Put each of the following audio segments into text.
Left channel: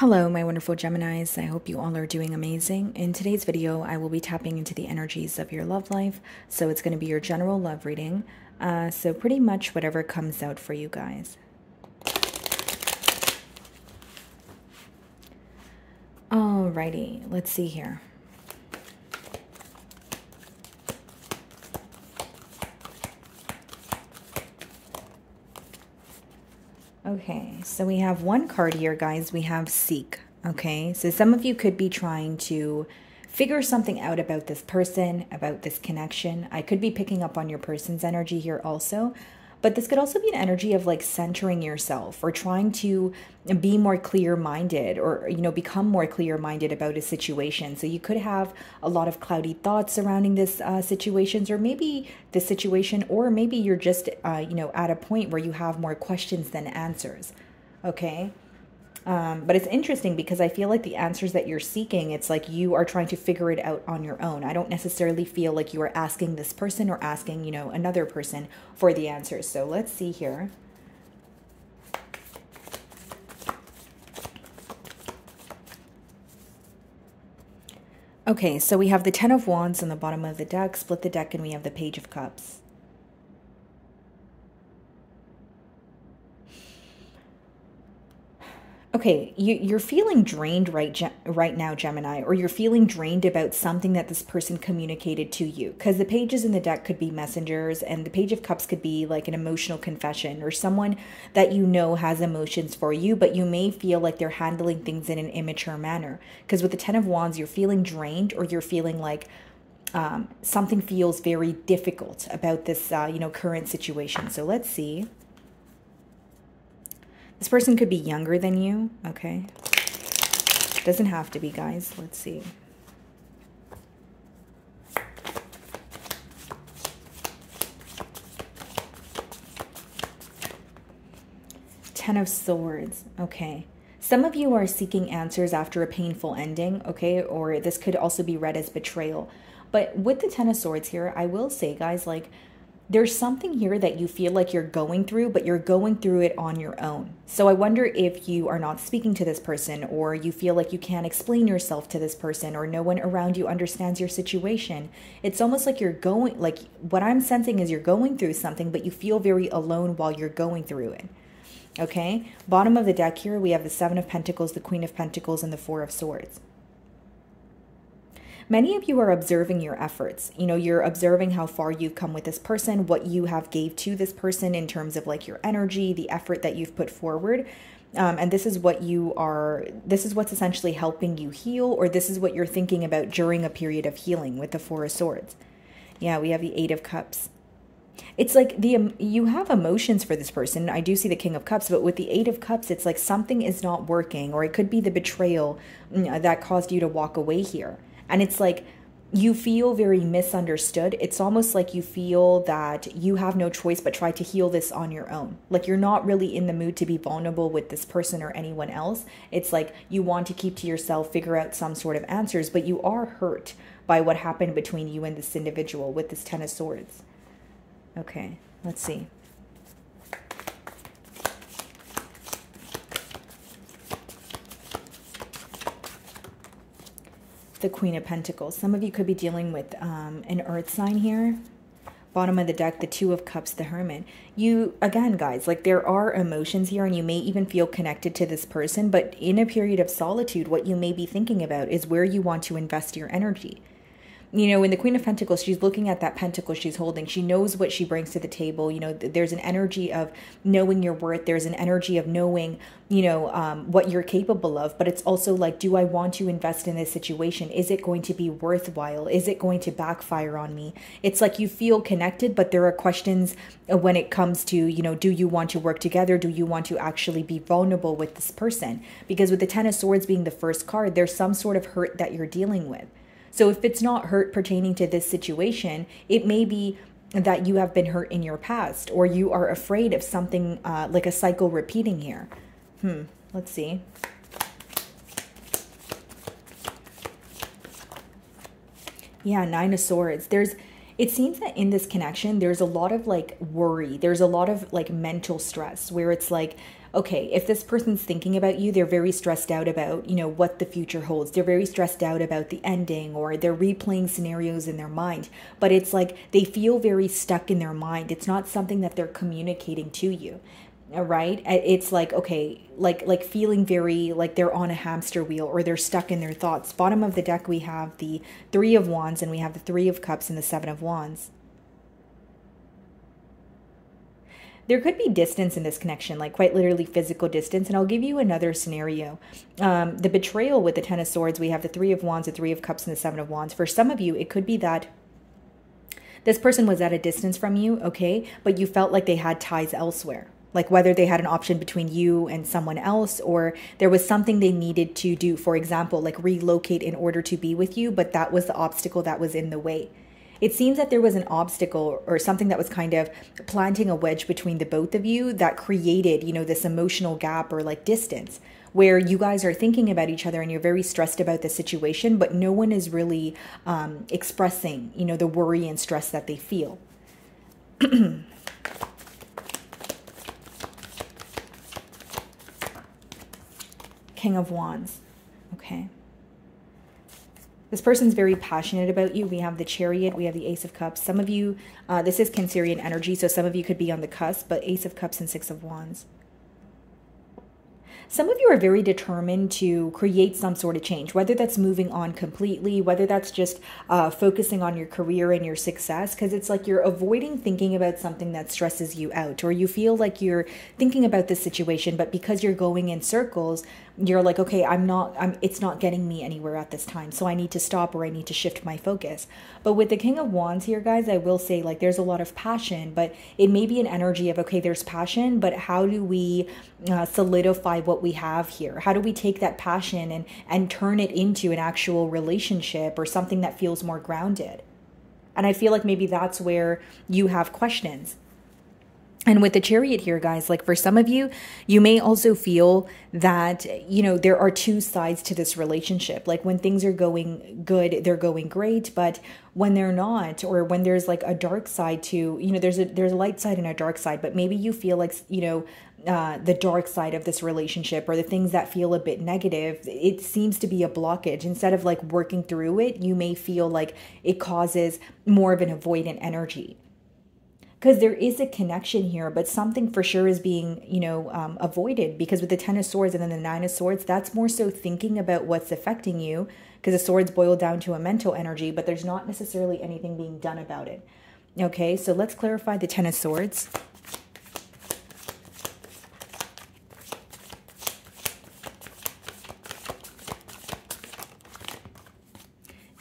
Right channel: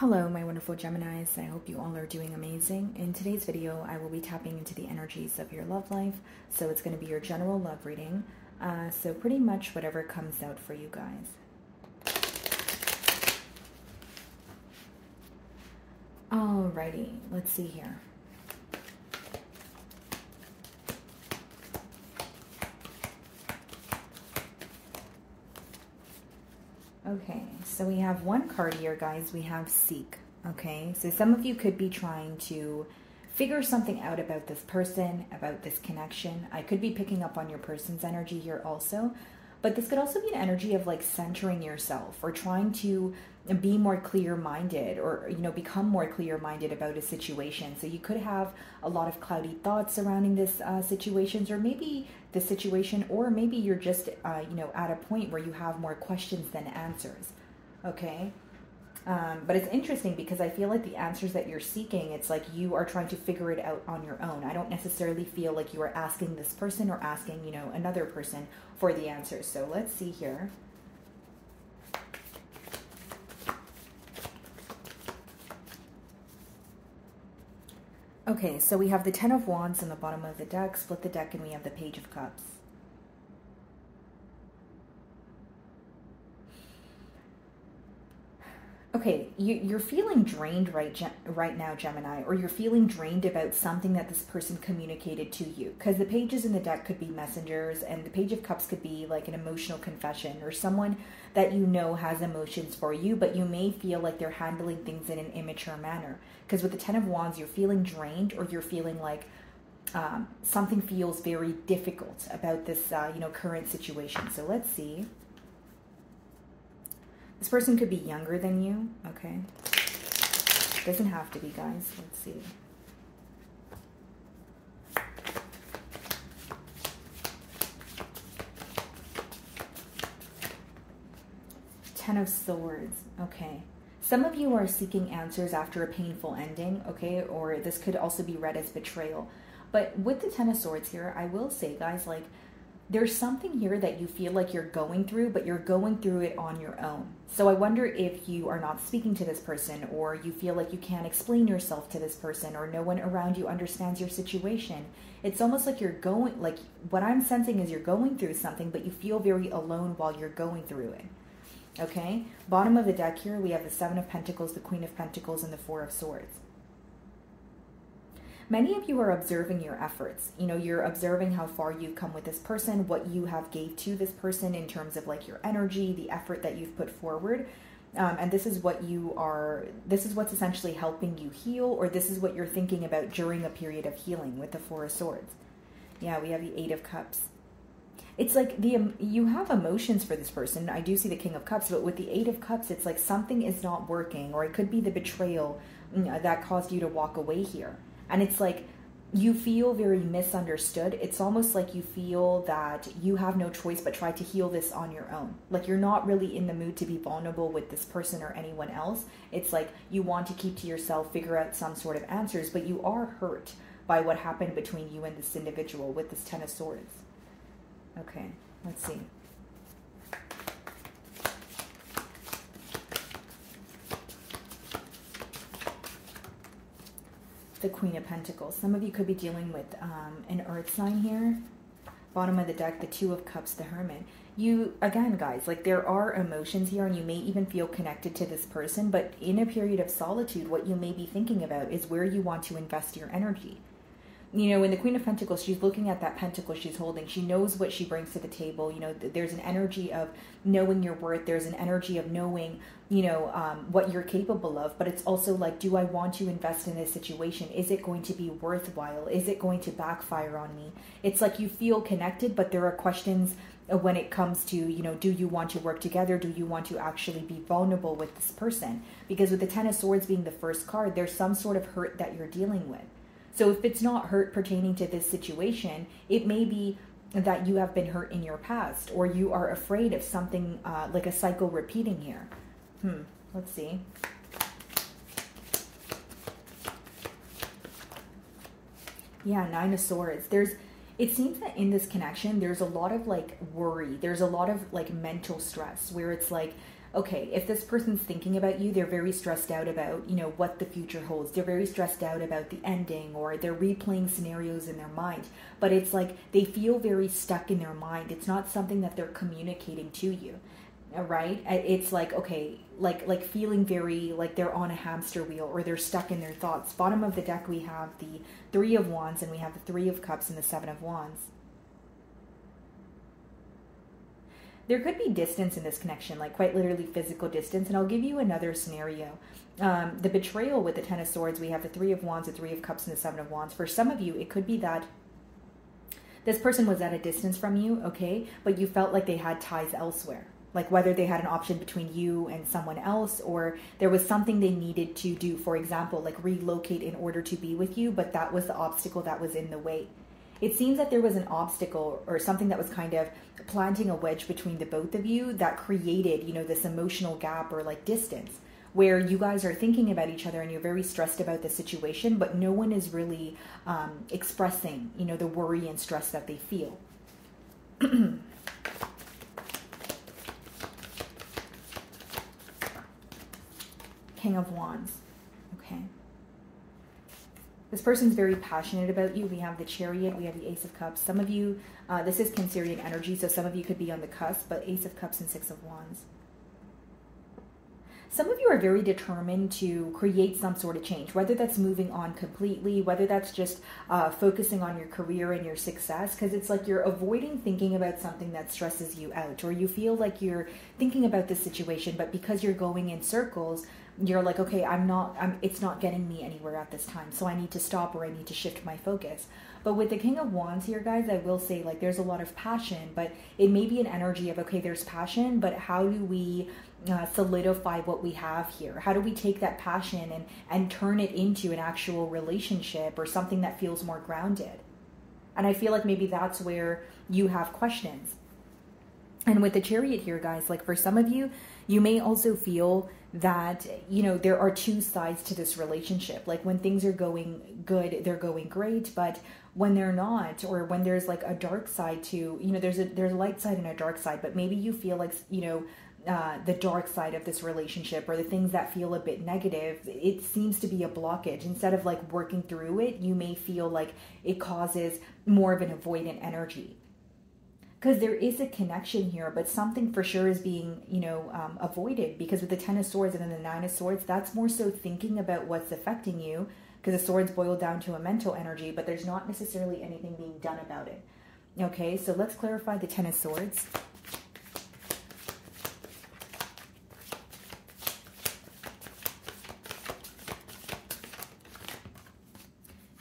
Hello, my wonderful Geminis. I hope you all are doing amazing. In today's video, I will be tapping into the energies of your love life. So it's going to be your general love reading. So pretty much whatever comes out for you guys. Alrighty, let's see here. Okay, so we have one card here, guys. We have Seek. Okay, so some of you could be trying to figure something out about this person, about this connection. I could be picking up on your person's energy here also, but this could also be an energy of like centering yourself or trying to be more clear-minded or, become more clear-minded about a situation. So you could have a lot of cloudy thoughts surrounding this situations, or maybe this situation, or maybe you're just, at a point where you have more questions than answers. Okay. But it's interesting because I feel like the answers that you're seeking, it's like you are trying to figure it out on your own. I don't necessarily feel like you are asking this person or asking, another person for the answers. So let's see here. Okay, so we have the Ten of Wands on the bottom of the deck, split the deck, and we have the Page of Cups. Okay, you're feeling drained right now, Gemini, or you're feeling drained about something that this person communicated to you. Because the pages in the deck could be messengers, and the Page of Cups could be like an emotional confession, or someone that has emotions for you, but you may feel like they're handling things in an immature manner. Because with the Ten of Wands, you're feeling drained, or you're feeling like something feels very difficult about this, current situation. So let's see. This person could be younger than you, okay? Doesn't have to be, guys. Let's see. Ten of Swords, okay. Some of you are seeking answers after a painful ending, okay? Or this could also be read as betrayal. But with the Ten of Swords here, I will say, guys, like, there's something here that you feel like you're going through, but you're going through it on your own. So I wonder if you are not speaking to this person, or you feel like you can't explain yourself to this person, or no one around you understands your situation. It's almost like what I'm sensing is you're going through something, but you feel very alone while you're going through it. Okay? Bottom of the deck here, we have the Seven of Pentacles, the Queen of Pentacles, and the Four of Swords. Many of you are observing your efforts. You're observing how far you've come with this person, what you have gave to this person in terms of like your energy, the effort that you've put forward. And this is what's essentially helping you heal, or this is what you're thinking about during a period of healing with the Four of Swords. Yeah, we have the Eight of Cups. It's like you have emotions for this person. I do see the King of Cups, but with the Eight of Cups, it's like something is not working, or it could be the betrayal that caused you to walk away here. And it's like you feel very misunderstood. It's almost like you feel that you have no choice but try to heal this on your own. Like you're not really in the mood to be vulnerable with this person or anyone else. It's like you want to keep to yourself, figure out some sort of answers, but you are hurt by what happened between you and this individual with this Ten of Swords. Okay, let's see. The Queen of Pentacles. Some of you could be dealing with an earth sign here. Bottom of the deck, the Two of Cups, the Hermit. Again, guys, like there are emotions here, and you may even feel connected to this person, but in a period of solitude, what you may be thinking about is where you want to invest your energy. In the Queen of Pentacles, she's looking at that pentacle she's holding. She knows what she brings to the table. There's an energy of knowing your worth. There's an energy of knowing, what you're capable of. But it's also like, do I want to invest in this situation? Is it going to be worthwhile? Is it going to backfire on me? It's like you feel connected, but there are questions when it comes to, do you want to work together? Do you want to actually be vulnerable with this person? Because with the Ten of Swords being the first card, there's some sort of hurt that you're dealing with. So if it's not hurt pertaining to this situation, it may be that you have been hurt in your past, or you are afraid of something like a cycle repeating here. Let's see. Yeah, Nine of Swords. It seems that in this connection, there's a lot of like worry. There's a lot of like mental stress where it's like, okay, if this person's thinking about you, they're very stressed out about, you know, what the future holds. They're very stressed out about the ending, or they're replaying scenarios in their mind. But it's like they feel very stuck in their mind. It's not something that they're communicating to you. Right? It's like, okay, like feeling very like they're on a hamster wheel, or they're stuck in their thoughts. Bottom of the deck, we have the Three of Wands, and we have the Three of Cups and the Seven of Wands. There could be distance in this connection, like quite literally physical distance. And I'll give you another scenario. The betrayal with the Ten of Swords, we have the Three of Wands, the Three of Cups, and the Seven of Wands. For some of you, it could be that this person was at a distance from you, okay, but you felt like they had ties elsewhere. Like whether they had an option between you and someone else, or there was something they needed to do, for example, like relocate in order to be with you, but that was the obstacle that was in the way. It seems that there was an obstacle or something that was kind of planting a wedge between the both of you that created, you know, this emotional gap or like distance where you guys are thinking about each other and you're very stressed about the situation, but no one is really expressing, you know, the worry and stress that they feel. King of Wands. Okay. This person's very passionate about you. We have the Chariot. We have the Ace of Cups. Some of you, this is Cancerian energy, so some of you could be on the cusp, but Ace of Cups and Six of Wands. Some of you are very determined to create some sort of change, whether that's moving on completely, whether that's just focusing on your career and your success, because it's like you're avoiding thinking about something that stresses you out, or you feel like you're thinking about this situation, but because you're going in circles, you're like, okay, it's not getting me anywhere at this time, so I need to stop, or I need to shift my focus. But with the King of Wands here, guys, I will say, like, there's a lot of passion, but it may be an energy of, okay, there's passion, but how do we solidify what we have here? How do we take that passion and turn it into an actual relationship or something that feels more grounded? And I feel like maybe that's where you have questions. And with the Chariot here, guys, like for some of you, you may also feel that, you know, there are two sides to this relationship. Like when things are going good, they're going great. But when they're not, or when there's like a dark side to, you know, there's a light side and a dark side, but maybe you feel like, you know, the dark side of this relationship, or the things that feel a bit negative, it seems to be a blockage. Instead of like working through it, you may feel like it causes more of an avoidant energy. Because there is a connection here, but something for sure is being, you know, avoided. Because with the Ten of Swords and then the Nine of Swords, that's more so thinking about what's affecting you. Because the swords boil down to a mental energy, but there's not necessarily anything being done about it. Okay, so let's clarify the Ten of Swords.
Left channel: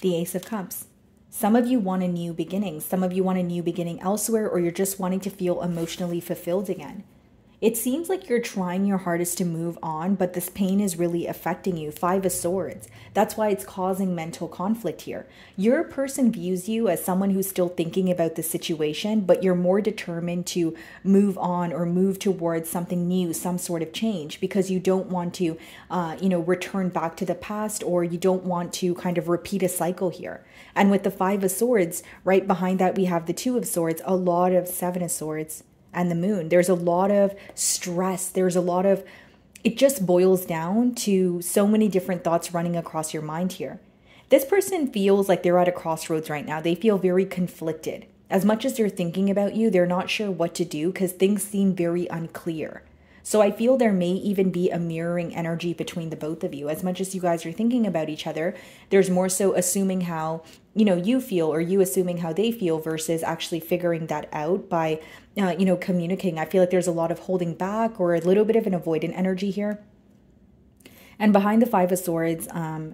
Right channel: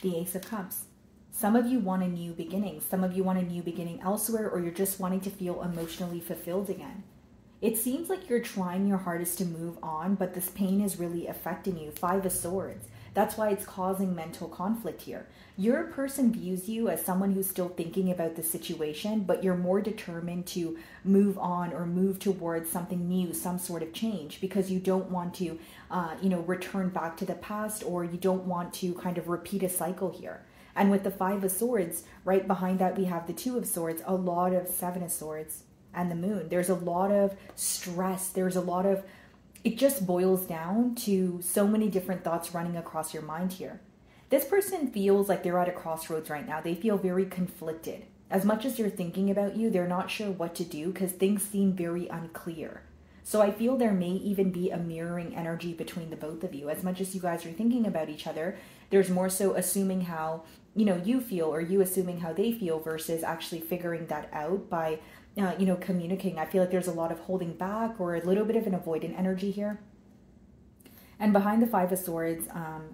The Ace of Cups. Some of you want a new beginning. Some of you want a new beginning elsewhere, or you're just wanting to feel emotionally fulfilled again. It seems like you're trying your hardest to move on, but this pain is really affecting you. Five of Swords. That's why it's causing mental conflict here. Your person views you as someone who's still thinking about the situation, but you're more determined to move on or move towards something new, some sort of change, because you don't want to, you know, return back to the past, or you don't want to kind of repeat a cycle here. And with the Five of Swords, right behind that, we have the Two of Swords, a lot of Seven of Swords, and the Moon. There's a lot of stress. There's a lot of, it just boils down to so many different thoughts running across your mind here. This person feels like they're at a crossroads right now. They feel very conflicted. As much as they're thinking about you, they're not sure what to do because things seem very unclear. So I feel there may even be a mirroring energy between the both of you. As much as you guys are thinking about each other, there's more so assuming how, you know, you feel, or you assuming how they feel, versus actually figuring that out by, you know, communicating. I feel like there's a lot of holding back, or a little bit of an avoidant energy here. And behind the Five of Swords,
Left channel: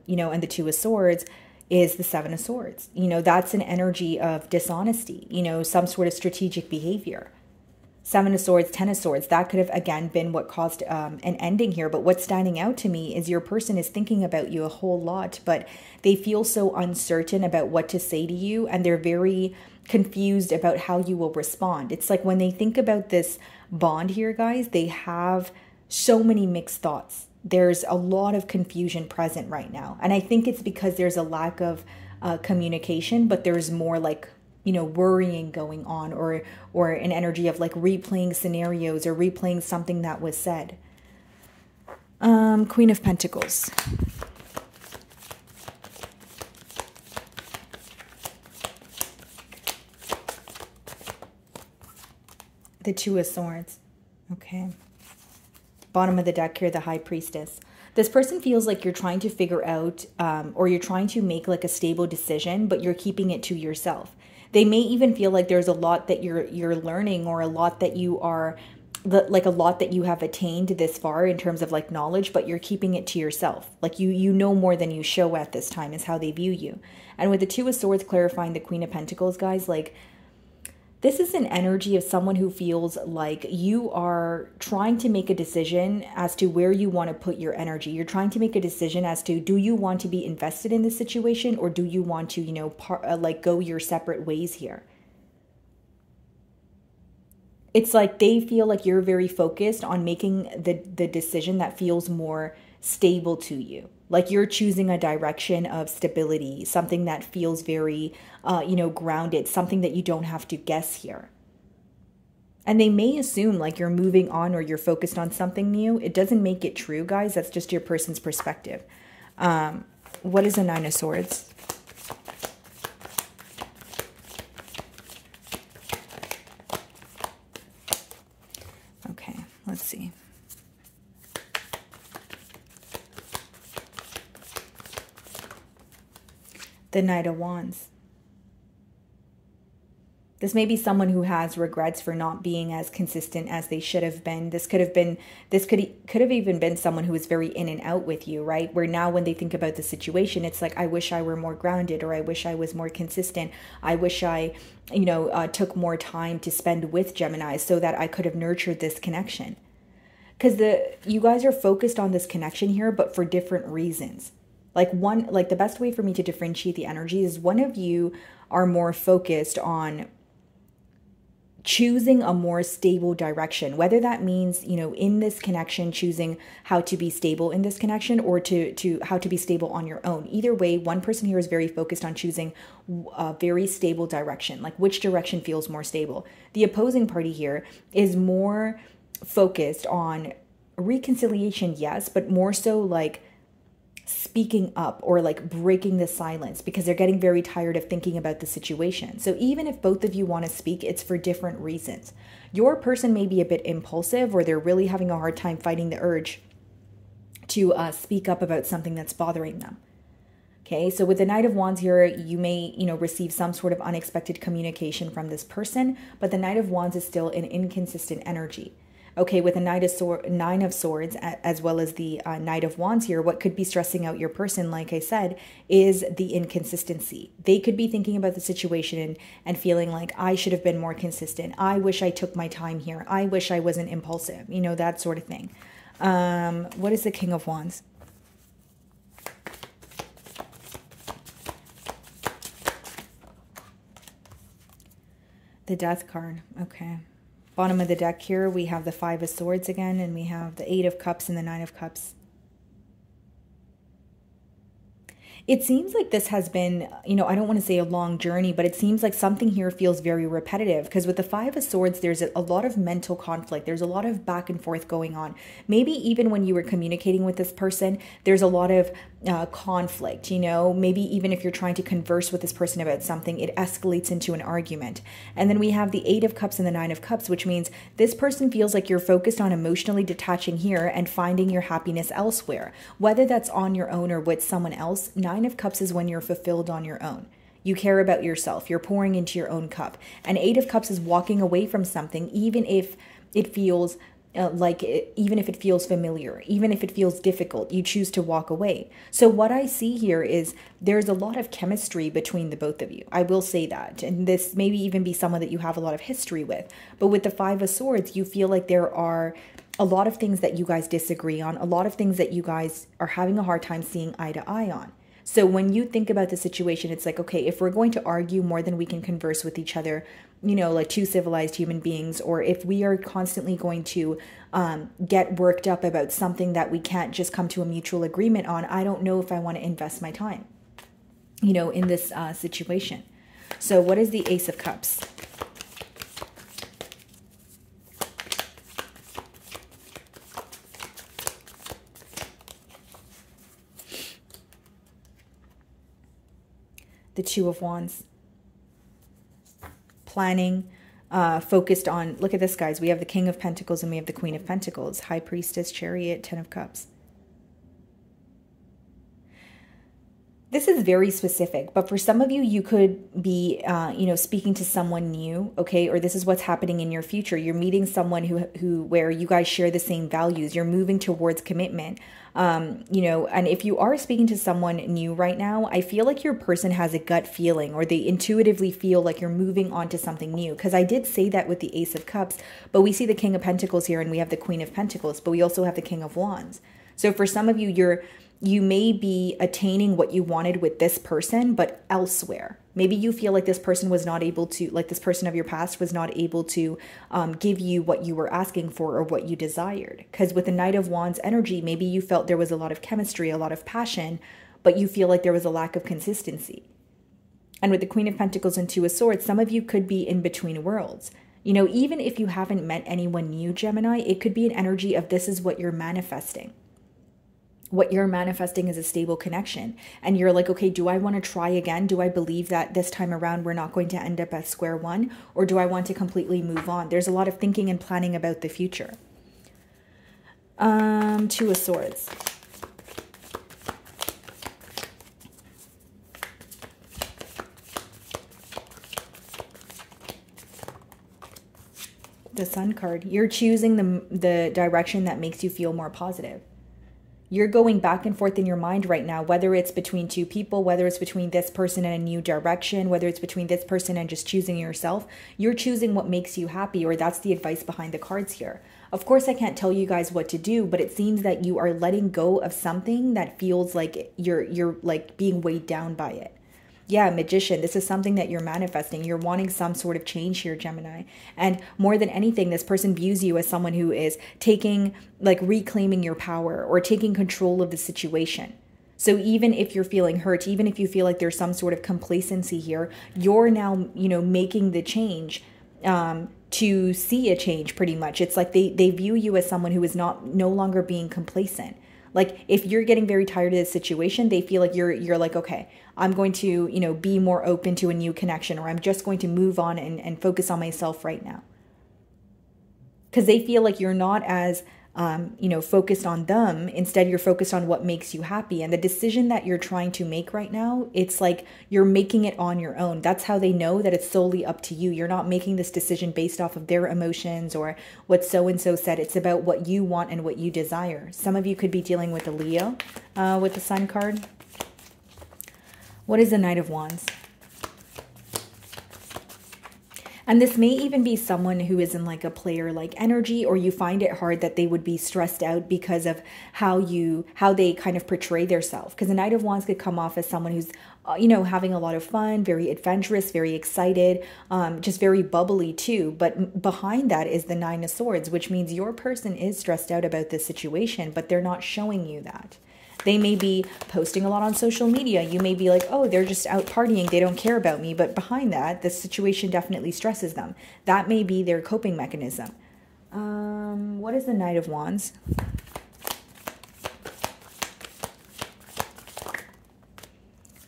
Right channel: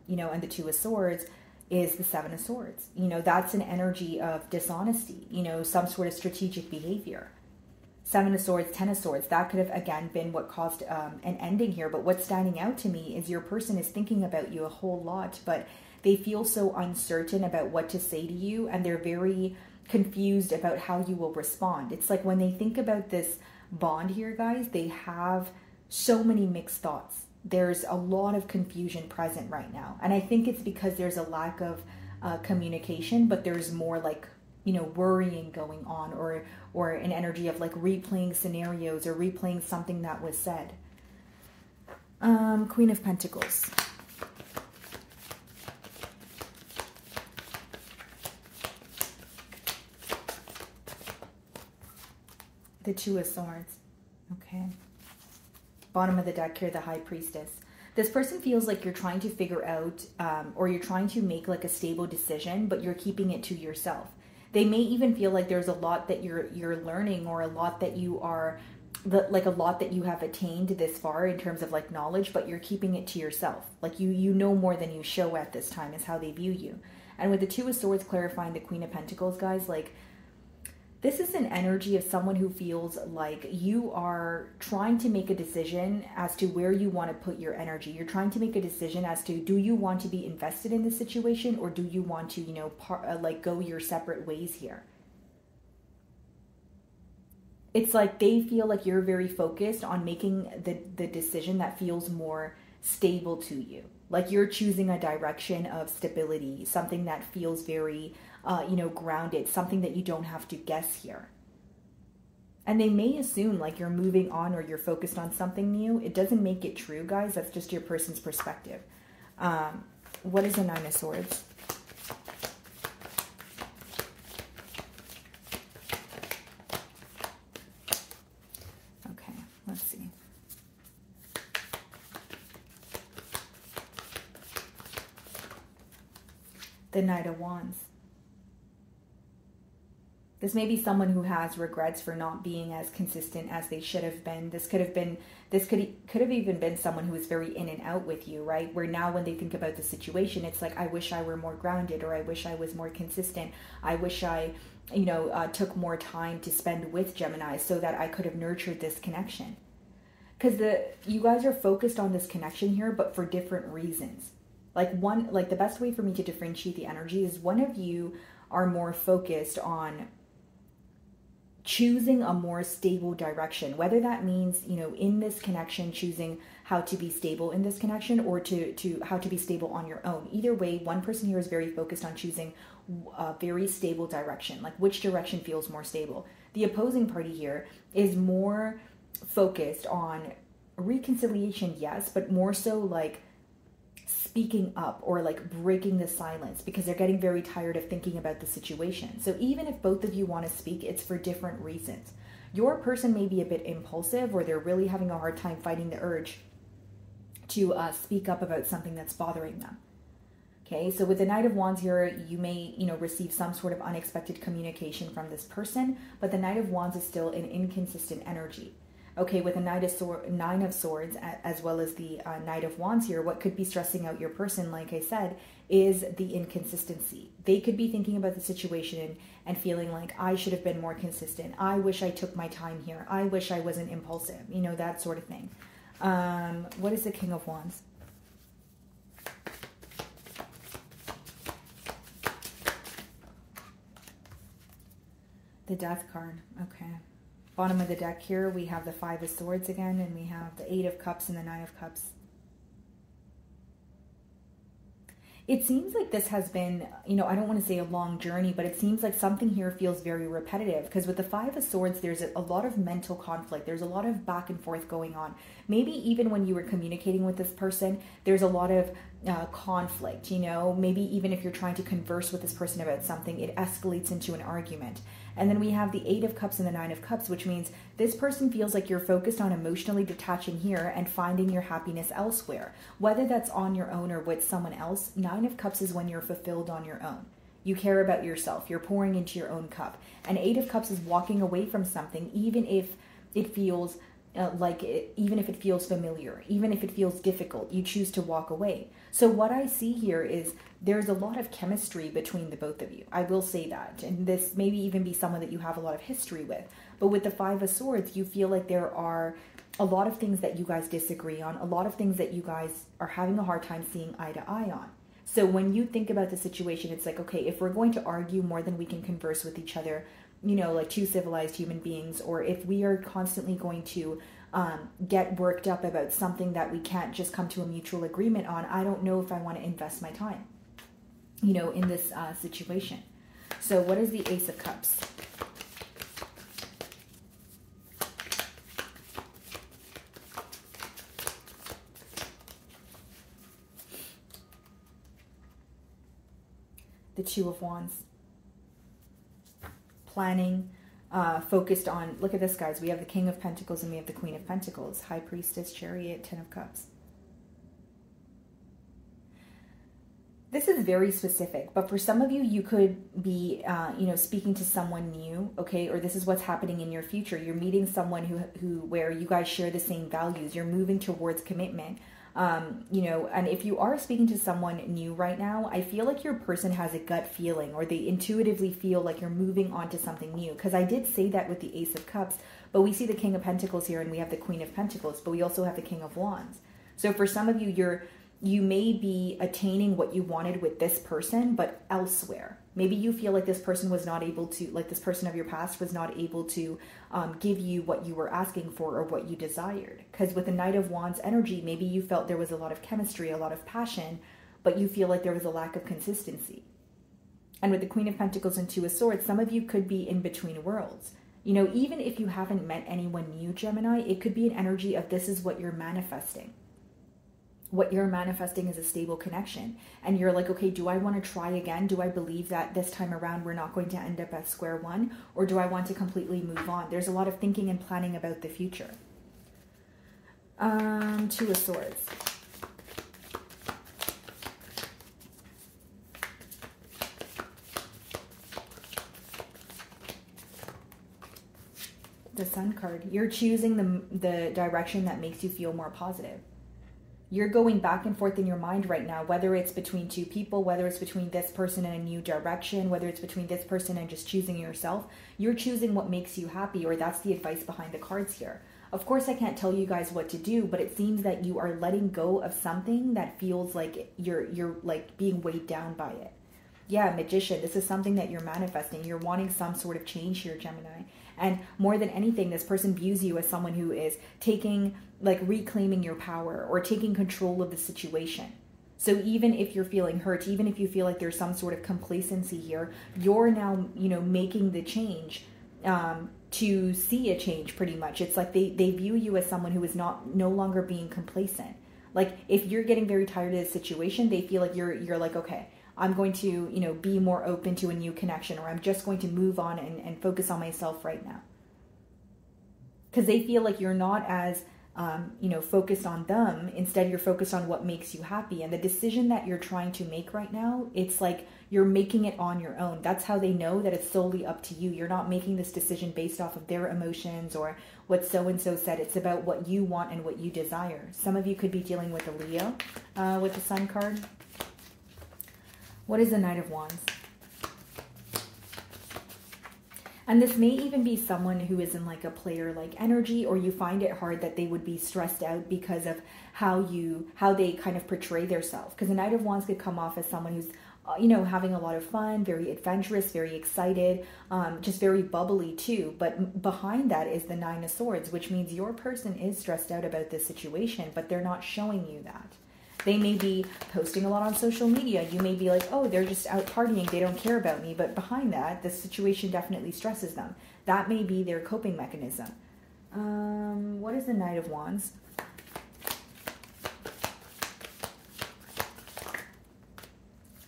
you know, and the Two of Swords is the Seven of Swords. You know, that's an energy of dishonesty, you know, some sort of strategic behavior. Seven of Swords, Ten of Swords, that could have, again, been what caused an ending here. But what's standing out to me is your person is thinking about you a whole lot, but they feel so uncertain about what to say to you, and they're very confused about how you will respond. It's like when they think about this bond here, guys, they have so many mixed thoughts. There's a lot of confusion present right now. And I think it's because there's a lack of communication, but there's more like, you know, worrying going on, or an energy of like replaying scenarios or replaying something that was said. Queen of Pentacles. The Two of Swords. Okay. Bottom of the deck here, the High Priestess. This person feels like you're trying to figure out or you're trying to make like a stable decision, but you're keeping it to yourself. They may even feel like there's a lot that you're learning, or a lot that you are, like a lot that you have attained this far in terms of like knowledge, but you're keeping it to yourself. Like you know more than you show at this time is how they view you. And with the Two of Swords clarifying the Queen of Pentacles, guys, like this is an energy of someone who feels like you are trying to make a decision as to where you want to put your energy. You're trying to make a decision as to, do you want to be invested in this situation, or do you want to, you know, like go your separate ways here? It's like they feel like you're very focused on making the decision that feels more stable to you. Like you're choosing a direction of stability, something that feels very, you know, grounded, something that you don't have to guess here. And they may assume like you're moving on or you're focused on something new. It doesn't make it true, guys. That's just your person's perspective. What is the Nine of Swords? Okay, let's see. The Knight of Wands. This may be someone who has regrets for not being as consistent as they should have been. This could have even been someone who is very in and out with you, right? Where now when they think about the situation, it's like, I wish I were more grounded, or I wish I was more consistent. I wish I, you know, took more time to spend with Gemini so that I could have nurtured this connection. Because you guys are focused on this connection here, but for different reasons. Like the best way for me to differentiate the energy is one of you are more focused on choosing a more stable direction, whether that means, you know, in this connection, choosing how to be stable in this connection, or to how to be stable on your own. Either way, one person here is very focused on choosing a very stable direction, like which direction feels more stable. The opposing party here is more focused on reconciliation, yes, but more so like speaking up or like breaking the silence, because they're getting very tired of thinking about the situation. So even if both of you want to speak, it's for different reasons. Your person may be a bit impulsive, or they're really having a hard time fighting the urge to speak up about something that's bothering them. Okay, so with the Knight of Wands here, you may, you know, receive some sort of unexpected communication from this person, but the Knight of Wands is still an inconsistent energy. Okay, with a Nine of Swords, as well as the Knight of Wands here, what could be stressing out your person, like I said, is the inconsistency. They could be thinking about the situation and feeling like, I should have been more consistent. I wish I took my time here. I wish I wasn't impulsive. You know, that sort of thing. What is the King of Wands? The Death card. Okay. Bottom of the deck here, we have the Five of Swords again, and we have the Eight of Cups and the Nine of Cups. It seems like this has been, you know, I don't want to say a long journey, but it seems like something here feels very repetitive, because with the Five of Swords, there's a lot of mental conflict. There's a lot of back and forth going on. Maybe even when you were communicating with this person, there's a lot of conflict, you know, maybe even if you're trying to converse with this person about something, it escalates into an argument. And then we have the Eight of Cups and the Nine of Cups, which means this person feels like you're focused on emotionally detaching here and finding your happiness elsewhere, whether that's on your own or with someone else. Nine of Cups is when you're fulfilled on your own. You care about yourself. You're pouring into your own cup. And Eight of Cups is walking away from something, even if it feels even if it feels familiar, even if it feels difficult, you choose to walk away. So what I see here is there's a lot of chemistry between the both of you. I will say that. And this maybe even be someone that you have a lot of history with. But with the Five of Swords, you feel like there are a lot of things that you guys disagree on, a lot of things that you guys are having a hard time seeing eye to eye on. So when you think about the situation, it's like, okay, if we're going to argue more than we can converse with each other, you know, like two civilized human beings, or if we are constantly going to get worked up about something that we can't just come to a mutual agreement on, I don't know if I want to invest my time, you know, in this situation. So what is the Ace of Cups? The Two of Wands. Planning, focused on, look at this, guys. We have the King of Pentacles and we have the Queen of Pentacles. High Priestess, Chariot, Ten of Cups. This is very specific, but for some of you, you could be, you know, speaking to someone new, okay? Or this is what's happening in your future. You're meeting someone where you guys share the same values. You're moving towards commitment, you know, and if you are speaking to someone new right now, I feel like your person has a gut feeling, or they intuitively feel like you're moving on to something new. Because I did say that with the Ace of Cups, but we see the King of Pentacles here and we have the Queen of Pentacles, but we also have the King of Wands. So for some of you, you may be attaining what you wanted with this person, but elsewhere. Maybe you feel like this person was not able to, like this person of your past was not able to give you what you were asking for or what you desired. Because with the Knight of Wands energy, maybe you felt there was a lot of chemistry, a lot of passion, but you feel like there was a lack of consistency. And with the Queen of Pentacles and Two of Swords, some of you could be in between worlds. You know, even if you haven't met anyone new, Gemini, it could be an energy of this is what you're manifesting. What you're manifesting is a stable connection. And you're like, okay, do I want to try again? Do I believe that this time around we're not going to end up at square one? Or do I want to completely move on? There's a lot of thinking and planning about the future. Two of Swords. The Sun card. You're choosing the direction that makes you feel more positive. You're going back and forth in your mind right now, whether it's between two people, whether it's between this person and a new direction, whether it's between this person and just choosing yourself. You're choosing what makes you happy, or that's the advice behind the cards here. Of course, I can't tell you guys what to do, but it seems that you are letting go of something that feels like you're like being weighed down by it. Yeah, Magician, this is something that you're manifesting. You're wanting some sort of change here, Gemini. And more than anything, this person views you as someone who is taking, like reclaiming your power or taking control of the situation. So even if you're feeling hurt, even if you feel like there's some sort of complacency here, you're now, you know, making the change to see a change pretty much. It's like they view you as someone who is no longer being complacent. Like if you're getting very tired of this situation, they feel like you're like, okay, I'm going to, you know, be more open to a new connection, or I'm just going to move on and focus on myself right now. Because they feel like you're not as, you know, focused on them. Instead, you're focused on what makes you happy. And the decision that you're trying to make right now, it's like you're making it on your own. That's how they know that it's solely up to you. You're not making this decision based off of their emotions or what so-and-so said. It's about what you want and what you desire. Some of you could be dealing with a Leo with the Sun card. What is the Knight of Wands? And this may even be someone who is in like a player-like energy, or you find it hard that they would be stressed out because of how they kind of portray themselves. Because the Knight of Wands could come off as someone who's, you know, having a lot of fun, very adventurous, very excited, just very bubbly too. But behind that is the Nine of Swords, which means your person is stressed out about this situation, but they're not showing you that. They may be posting a lot on social media. You may be like, oh, they're just out partying. They don't care about me. But behind that, the situation definitely stresses them. That may be their coping mechanism. What is the Knight of Wands?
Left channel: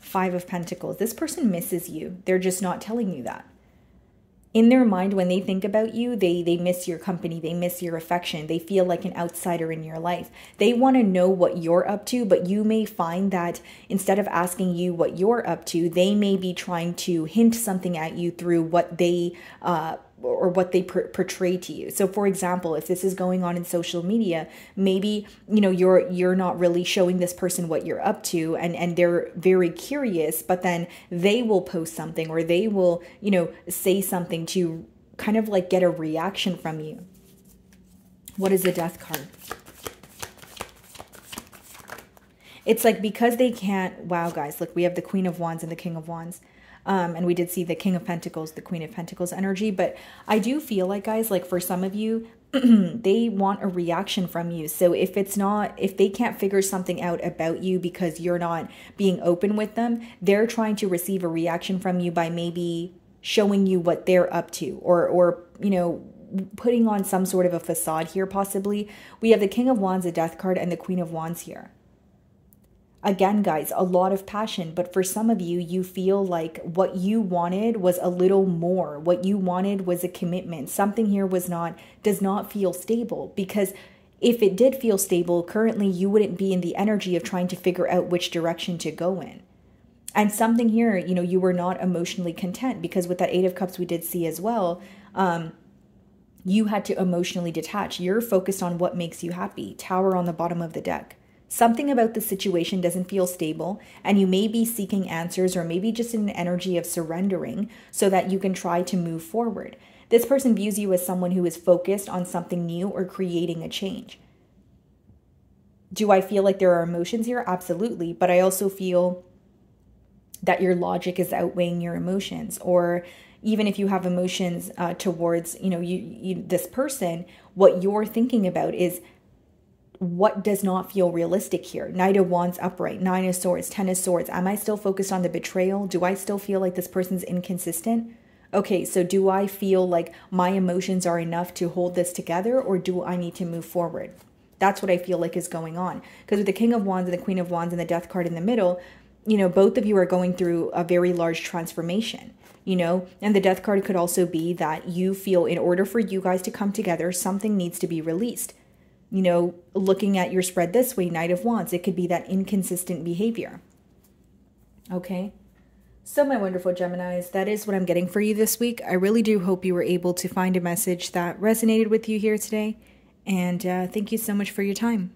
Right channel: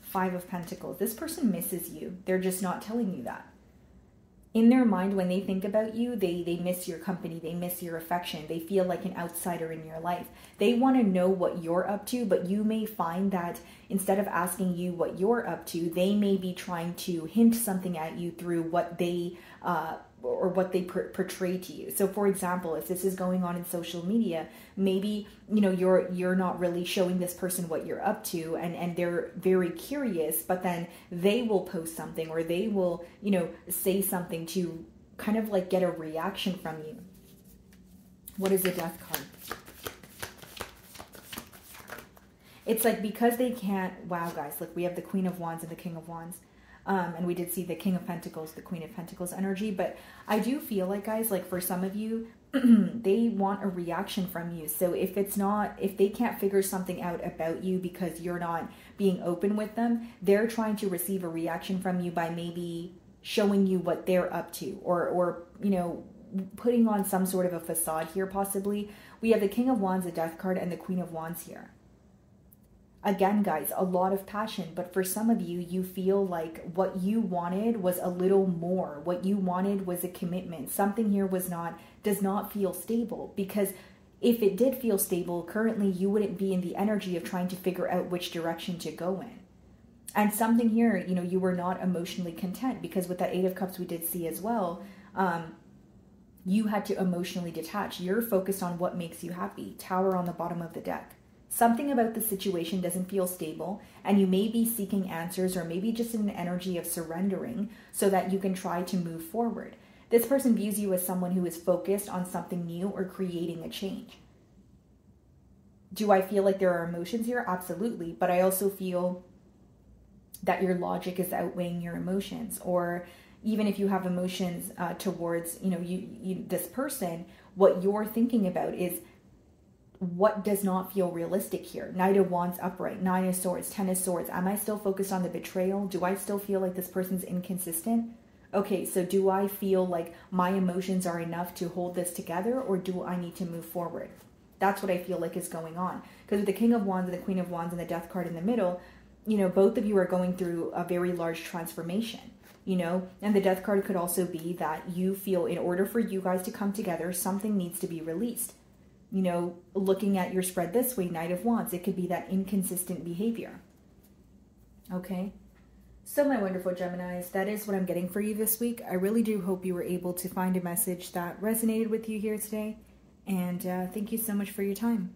Five of Pentacles. This person misses you. They're just not telling you that. In their mind, when they think about you, they miss your company, they miss your affection, they feel like an outsider in your life. They want to know what you're up to, but you may find that instead of asking you what you're up to, they may be trying to hint something at you through what they portray to you. So for example, if this is going on in social media, maybe, you know, you're not really showing this person what you're up to, and they're very curious, but then they will post something, or they will, you know, say something to kind of like get a reaction from you. What is the Death card? It's like because they can't, wow guys, look, we have the Queen of Wands and the King of Wands. And we did see the King of Pentacles, the Queen of Pentacles energy. But I do feel like, guys, like for some of you, they want a reaction from you. So if they can't figure something out about you because you're not being open with them, they're trying to receive a reaction from you by maybe showing you what they're up to, or you know, putting on some sort of a facade here possibly. We have the King of Wands, the Death card, and the Queen of Wands here. Again, guys, a lot of passion, but for some of you, you feel like what you wanted was a little more. What you wanted was a commitment. Something here does not feel stable, because if it did feel stable, currently you wouldn't be in the energy of trying to figure out which direction to go in. And something here, you know, you were not emotionally content, because with that Eight of Cups we did see as well, you had to emotionally detach. You're focused on what makes you happy. Tower on the bottom of the deck. Something about the situation doesn't feel stable, and you may be seeking answers, or maybe just in an energy of surrendering so that you can try to move forward. This person views you as someone who is focused on something new or creating a change. Do I feel like there are emotions here? Absolutely. But I also feel that your logic is outweighing your emotions. Or even if you have emotions towards, you know, this person, what you're thinking about is what does not feel realistic here. Knight of Wands upright, Nine of Swords, Ten of Swords. Am I still focused on the betrayal? Do I still feel like this person's inconsistent? Okay, so do I feel like my emotions are enough to hold this together, or do I need to move forward? That's what I feel like is going on. Because with the King of Wands and the Queen of Wands and the Death card in the middle, you know, both of you are going through a very large transformation, you know, and the Death card could also be that you feel in order for you guys to come together, something needs to be released. You know, looking at your spread this way, Knight of Wands, it could be that inconsistent behavior. Okay. So my wonderful Geminis, that is what I'm getting for you this week. I really do hope you were able to find a message that resonated with you here today. And thank you so much for your time.